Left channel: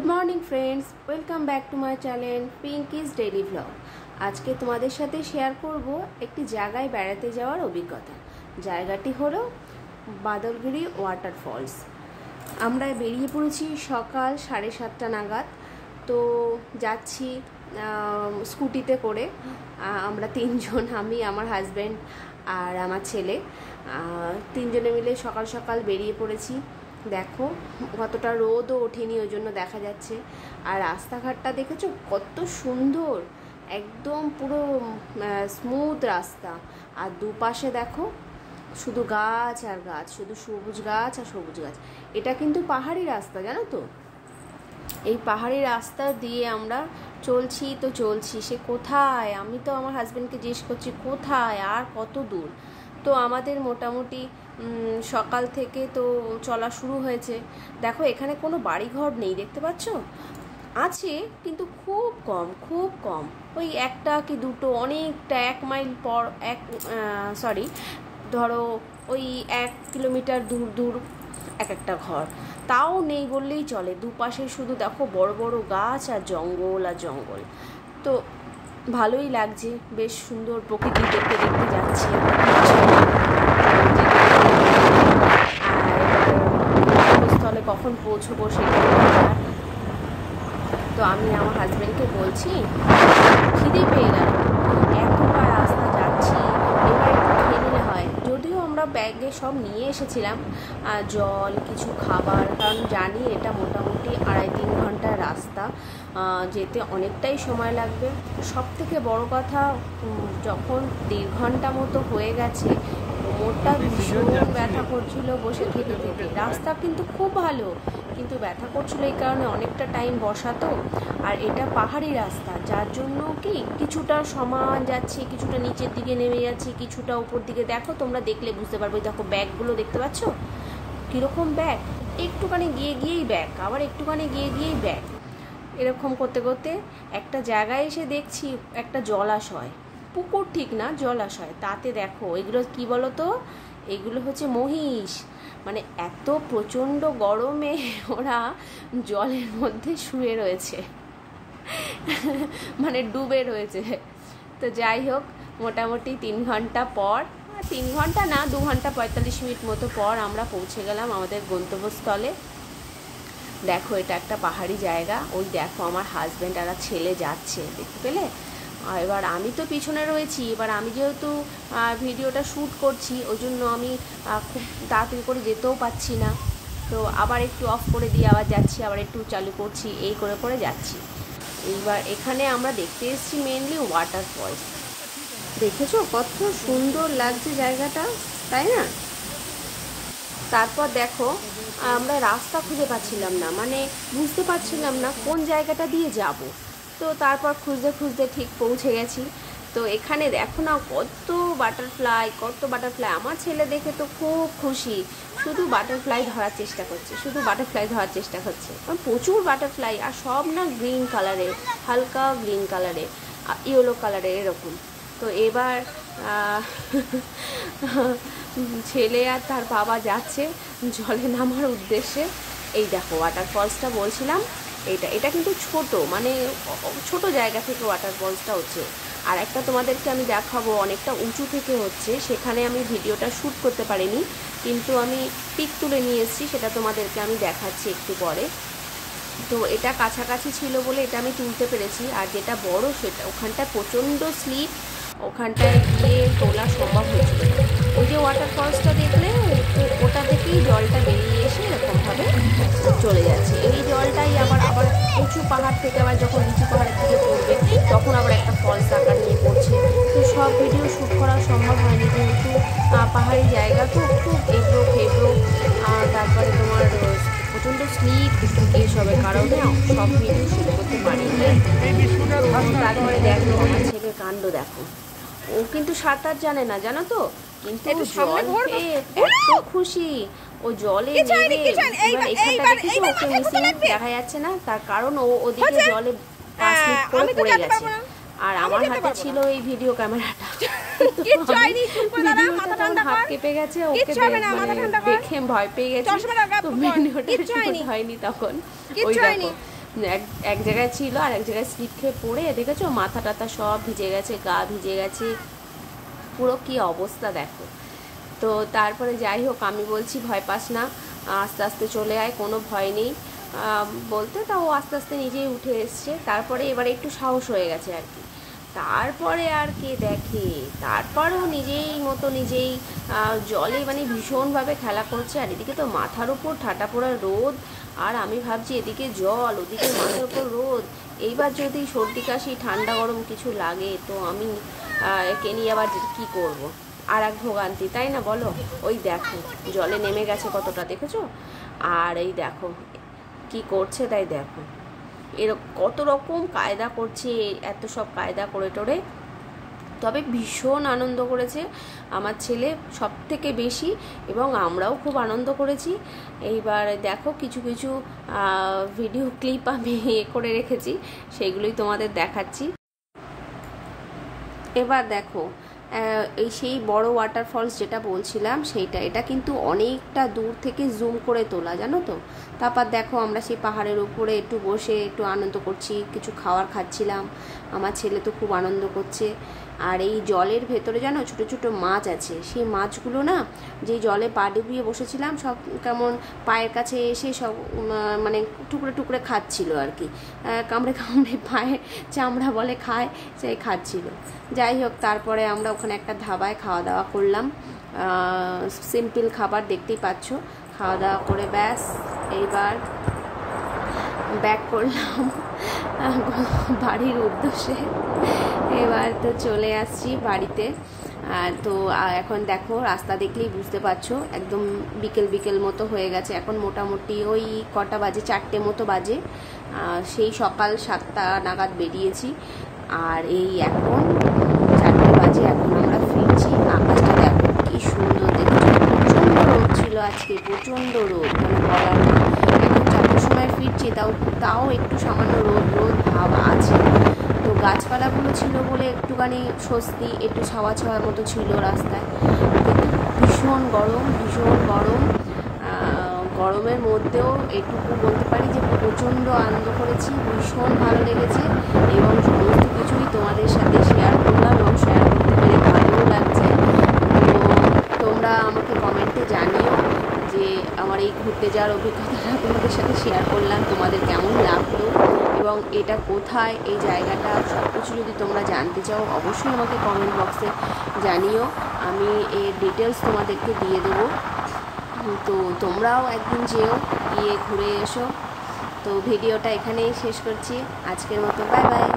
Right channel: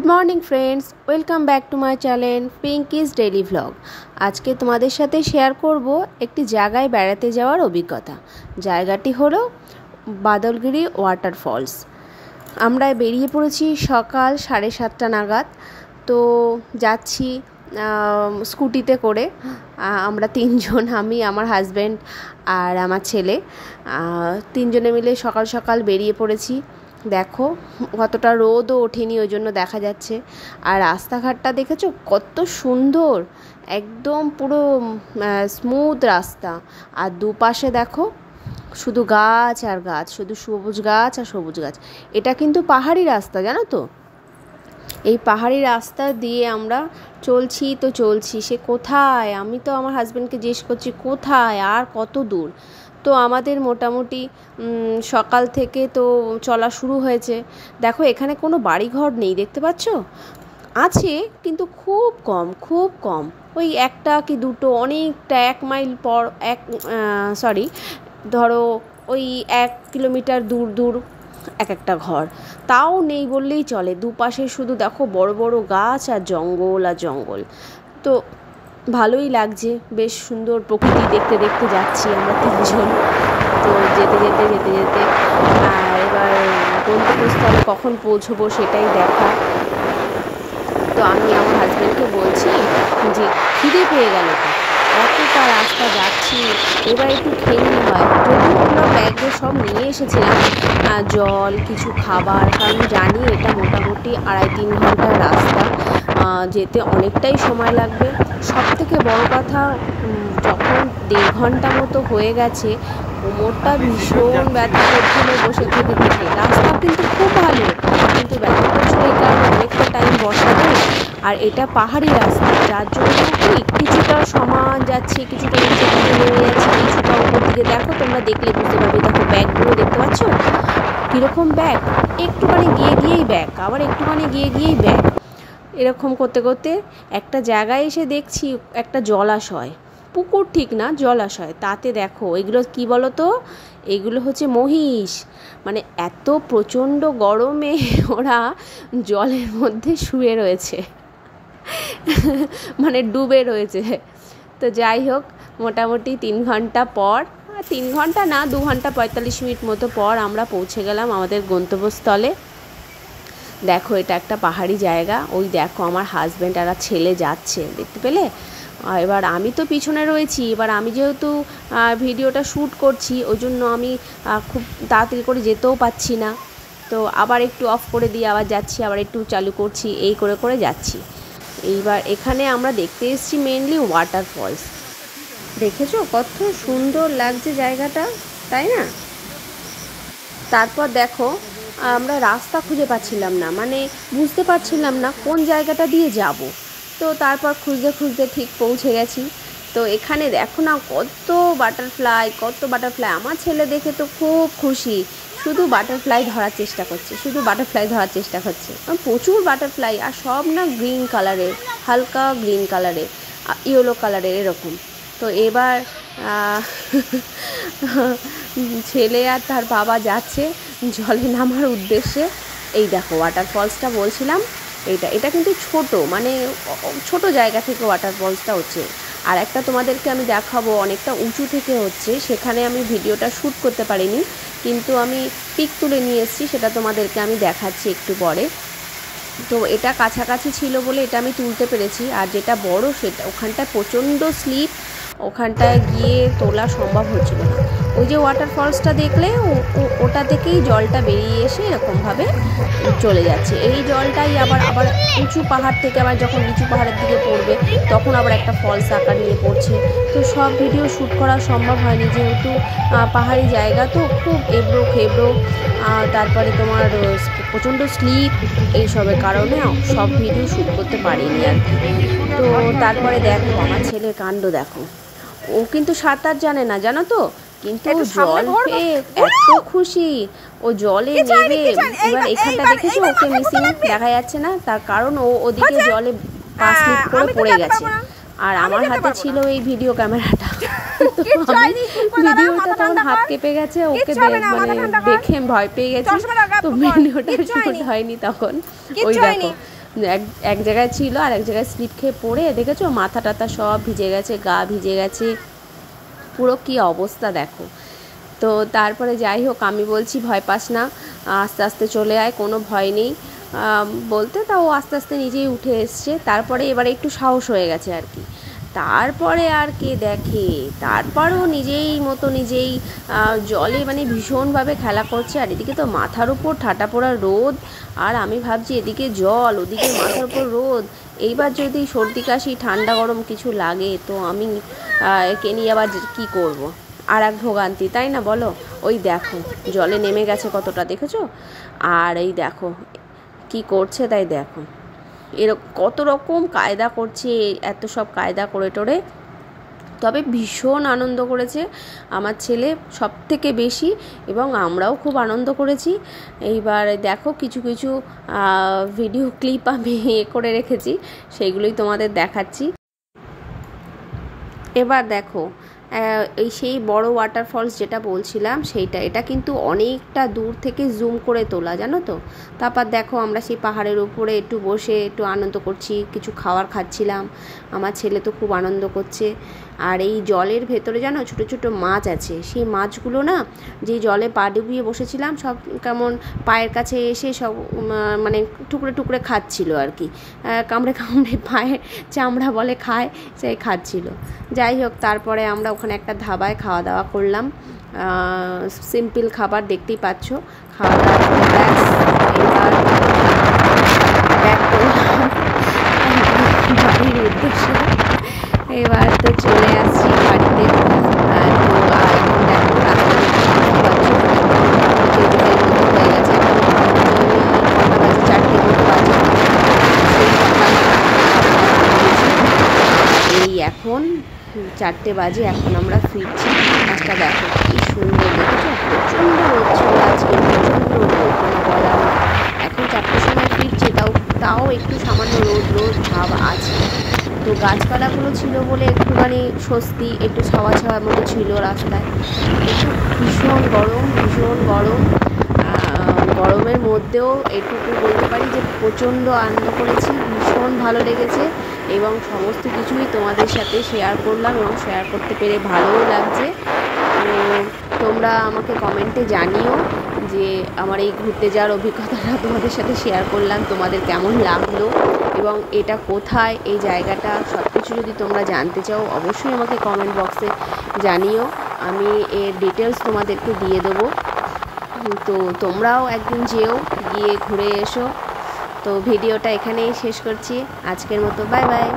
Good morning friends, welcome back to my channel Pinky's daily vlog. আজকে তোমাদের সাথে share করব একটি জায়গায় বেড়াতে যাওয়ার অভিজ্ঞতা। জায়গাটি হলো বাদলগিরি ওয়াটারফলস। আমরা বেরিয়ে পড়েছি সকাল 7:30 নাগাদ। তো যাচ্ছি স্কুটিতে করে। আমরা তিনজন, আমি, আমার হাজব্যান্ড আর আমার ছেলে, তিনজনে মিলে সকাল সকাল বেরিয়ে পড়েছি। দেখো কতটা রোদও ওঠেনি, ওই জন্য দেখা যাচ্ছে। আর রাস্তাঘাটটা দেখেছো কত সুন্দর, একদম পুরো স্মুথ রাস্তা। আর দুপাশে দেখো শুধু গাছ আর গাছ, শুধু সবুজ গাছ আর সবুজ গাছ। এটা কিন্তু পাহাড়ি রাস্তা, জানো তো। এই পাহাড়ি রাস্তা দিয়ে আমরা চলছি, সে কোথায়, আমি তো আমার হাজব্যান্ডকে জিজ্ঞেস করছি কোথায় আর কত দূর। তো আমাদের মোটামুটি সকাল থেকে তো চলা শুরু হয়েছে। দেখো এখানে কোনো বাড়িঘর নেই, দেখতে পাচ্ছ, আছে কিন্তু খুব কম, ওই একটা কি দুটো, অনেকটা 1 মাইল পর ধরো ওই 1 কিলোমিটার দূর এক একটা ঘর, তাও নেই বললেই চলে। দুপাশে শুধু দেখো বড় বড় গাছ আর জঙ্গল। তো ভালোই লাগছে, বেশ সুন্দর প্রকৃতি দেখতে দেখতে যাচ্ছি আমরা তিনজন। তো যেতে এবার গন্তব্যস্থলে কখন পৌঁছবো সেটাই দেখা। তো আমি আমার হাজব্যান্ডকে বলছি যে খিদে পেয়ে গেল, এতটা রাস্তা যাচ্ছি, এবার একটু খেয়ে নিলে হয়। যদিও আমরা ব্যাগে সব নিয়ে এসেছিলাম, জল, কিছু খাবার, কারণ জানি এটা মোটামুটি 2.5-3 ঘন্টার রাস্তা, যেতে অনেকটাই সময় লাগবে। সব থেকে বড় কথা, যখন 1.5 ঘন্টা মতো হয়ে গেছে, কোমরটা ভীষণ ব্যথা করছিল বসে থেকে। রাস্তা কিন্তু খুব ভালো, কিন্তু ব্যথা করছিল এই কারণে অনেকটা টাইম বসাবে। আর এটা পাহাড়ি রাস্তা, যার জন্য কি কিছুটা সমান যাচ্ছে, কিছুটা নিচে দিকে নেমে যাচ্ছে, কিছুটা উপর দিকে। দেখো তোমরা দেখলে বুঝতে পারবে, দেখো ব্যাগগুলো দেখতে পাচ্ছ কীরকম ব্যাগ, একটুখানি গিয়েই ব্যাগ, আবার একটুখানি গিয়েই ব্যাগ। এরকম করতে করতে একটা জায়গায় এসে দেখছি একটা জলাশয়, পুকুর ঠিক না, জলাশয়। তাতে দেখো এগুলো কি বলো তো, এগুলো হচ্ছে মহিষ। মানে এত প্রচণ্ড গরমে ওরা জলের মধ্যে শুয়ে রয়েছে, মানে ডুবে রয়েছে। তো যাই হোক, মোটামুটি 3 ঘন্টা পর, 3 ঘন্টা না, 2 ঘন্টা 45 মিনিট মতো পর আমরা পৌঁছে গেলাম আমাদের গন্তব্যস্থলে। দেখো এটা একটা পাহাড়ি জায়গা, ওই দেখো আমার হাজব্যান্ড আর ছেলে যাচ্ছে, দেখতে পেলে। এবার আমি তো পিছনে রয়েছি। এবার আমি যেহেতু ভিডিওটা শ্যুট করছি, ওই জন্য আমি খুব তাড়াতাড়ি করে যেতেও পাচ্ছি না। তো আবার একটু অফ করে দিয়ে আবার যাচ্ছি, আবার একটু চালু করছি, এই করে যাচ্ছি। এইবার এখানে আমরা দেখতে এসেছি মেনলি ওয়াটারফলস। দেখেছো কত সুন্দর লাগছে জায়গাটা, তাই না? তারপর দেখো আমরা রাস্তা খুঁজে পাচ্ছিলাম না, মানে বুঝতে পারছিলাম না কোন জায়গাটা দিয়ে যাব। তো তারপর খুঁজতে ঠিক পৌঁছে গেছি। তো এখানে দেখো না কত বাটারফ্লাই। আমার ছেলে দেখে তো খুব খুশি, শুধু বাটারফ্লাই ধরার চেষ্টা করছে। প্রচুর বাটারফ্লাই, আর সব না গ্রিন কালারের, হালকা গ্রিন কালারের, ইয়েলো কালারের এরকম। তো এবার ছেলে আর তার বাবা যাচ্ছে জলে নামার উদ্দেশ্যে। এই দেখো ওয়াটারফলসটা বলছিলাম, এটা কিন্তু ছোট, মানে ছোট জায়গা থেকে ওয়াটারফলসটা হচ্ছে। আর একটা তোমাদেরকে আমি দেখাবো, অনেকটা উঁচু থেকে হচ্ছে, সেখানে আমি ভিডিওটা শ্যুট করতে পারিনি, কিন্তু আমি পিক তুলে নিয়ে এসেছি, সেটা তোমাদেরকে আমি দেখাচ্ছি একটু পরে। তো এটা কাছাকাছি ছিল বলে এটা আমি তুলতে পেরেছি। আর যেটা বড় সেটা, ওখানটায় প্রচণ্ড স্লিপ, ওখানটায় গিয়ে তোলা সম্ভব হয়েছিল না। ওই যে ওয়াটারফলসটা দেখলে, ওটা থেকেই জলটা বেরিয়ে এসে এরকমভাবে চলে যাচ্ছে। এই জলটাই আবার উঁচু পাহাড় থেকে আবার যখন নিচু পাহাড়ের দিকে পড়বে, তখন আবার একটা ফলস আকার নিয়ে পড়ছে। তো সব ভিডিও শ্যুট করা সম্ভব হয়নি, যেহেতু পাহাড়ি জায়গা তো খুব এবড়ো খেবড়ো, তারপরে তোমার প্রচণ্ড স্লিপ, এইসবের কারণে সব ভিডিও শ্যুট করতে পারিনি। তো তারপরে দেখো আমার ছেলের কাণ্ড দেখো, ও কিন্তু সাঁতার জানে না, জানো তো, কিন্তু জল পেয়ে এত খুশি, ও জলে নেমে। এবার এখানটা দেখেছো ওকে মিসিং দেখা যাচ্ছে না, তার কারণ ও ওদিকে জলে পা স্লিপ করে পড়ে গেছে। আর আমার হাতে ছিল এই ভিডিও ক্যামেরাটা, ভিডিওটা তখন হাত কেঁপে গেছে, ওকে দেখে ভয় পেয়ে গেছি, তো ভিডিওটা শ্যুট হয়নি তখন। ওই দেখো এক এক জায়গায় ছিল আর এক জায়গায় স্লিপ খেয়ে পড়ে দেখেছো মাথা টাথা সব ভিজে গেছে, গা ভিজে গেছে, পুরো কী অবস্থা দেখো। তো তারপরে যাই হোক আমি বলছি ভয় পাস না, আস্তে আস্তে চলে আয়, কোনো ভয় নেই বলতে, তাও আস্তে আস্তে নিজেই উঠে এসছে। তারপরে এবারে একটু সাহস হয়ে গেছে আর কি। তারপরে আর কে দেখে, তারপরেও নিজেই মতো নিজেই জলে মানে ভীষণভাবে খেলা করছে। আর এদিকে তো মাথার উপর ঠাটা পড়া রোদ, আর আমি ভাবছি এদিকে জল ওদিকে মাথার উপর রোদ, এইবার যদি সর্দি কাশি ঠান্ডা গরম কিছু লাগে তো আমি একে নিয়ে আবার কী করব। আর এক ভোগান্তি, তাই না বলো। ওই দেখো জলে নেমে গেছে কতটা, দেখেছো? আর এই দেখো কি করছে, তাই দেখো এরকম কত রকম কায়দা করছে, এত সব কায়দা করে টোরে। তবে ভীষণ আনন্দ করেছে আমার ছেলে, সব থেকে বেশি, এবং আমরাও খুব আনন্দ করেছি। এইবার দেখো কিছু কিছু ভিডিও ক্লিপ আমি করে রেখেছি, সেইগুলোই তোমাদের দেখাচ্ছি। এবার দেখো এই সেই বড় ওয়াটারফলস যেটা বলছিলাম সেইটা, এটা কিন্তু অনেকটা দূর থেকে জুম করে তোলা, জানো তো। তারপর দেখো আমরা সেই পাহাড়ের উপরে একটু বসে একটু আনন্দ করছি, কিছু খাবার খাচ্ছিলাম, আমার ছেলে তো খুব আনন্দ করছে। আর এই জলের ভেতরে জানো ছোটো ছোটো মাছ আছে, সেই মাছগুলো না যেই জলে পা ডুবিয়ে বসেছিলাম সব কেমন পায়ের কাছে এসে সব মানে টুকরে টুকরে খাচ্ছিল আর কি, কামড়ে কামড়ে পায়ে চামড়া বলে খায়, সেই খাচ্ছিল। যাই হোক তারপরে আমরা ওখানে একটা ধাবায় খাওয়া দাওয়া করলাম, সিম্পল খাবার দেখতেই পাচ্ছ। খাওয়া দাওয়া করে ব্যাস এইবার ব্যাক করলাম বাড়ির উদ্দেশ্যে। এবার তো চলে আসছি বাড়িতে। তো এখন দেখো রাস্তা দেখে বুঝতে পারছো বিকেল বিকেল মতো হয়ে গেছে, এখন মোটামুটি কটা বাজে, 4টের মতো বাজে। সেই সকাল 7টা বেরিয়েছি, এই এখন 4টে বাজে, এখন আমরা ফিরছি। আকাশটা দেখো কি সুন্দর, দেখেছো প্রচণ্ড রোদ ছিল আজকে, প্রচণ্ড রোদ, কোনো বলার নেই। এখন 4টের সময় ফিরছি, তাও একটু সামান্য রোদ রোদ ভাব আছে। তো গাছপালাগুলো ছিল বলে একটুখানি স্বস্তি, একটু ছাওয়া ছাওয়ার মতো ছিল রাস্তায়। একটু ভীষণ গরম, ভীষণ গরম। গরমের মধ্যেও এটুকু বলতে পারি যে প্রচণ্ড আনন্দ করেছি, ভীষণ ভালো লেগেছে, এবং সমস্ত কিছুই তোমাদের সাথে শেয়ার করলাম এবং শেয়ার করতে পেরে ভালোও লাগছে। তোমরা আমাকে কমেন্টে জানিও যে আমার এই ঘুরতে যাওয়ার অভিজ্ঞতাটা তোমাদের সাথে শেয়ার করলাম, তোমাদের কেমন লাগলো এবং এটা কোথায়, এই জায়গাটা, সব কিছু যদি তোমরা জানতে চাও অবশ্যই আমাকে কমেন্ট বক্সে জানিও, আমি এর ডিটেলস তোমাদেরকে দিয়ে দেবো। তো তোমরাও একদিন যেও, গিয়ে ঘুরে এসো। তো ভিডিওটা এখানেই শেষ করছি আজকের মতো, বাই বাই।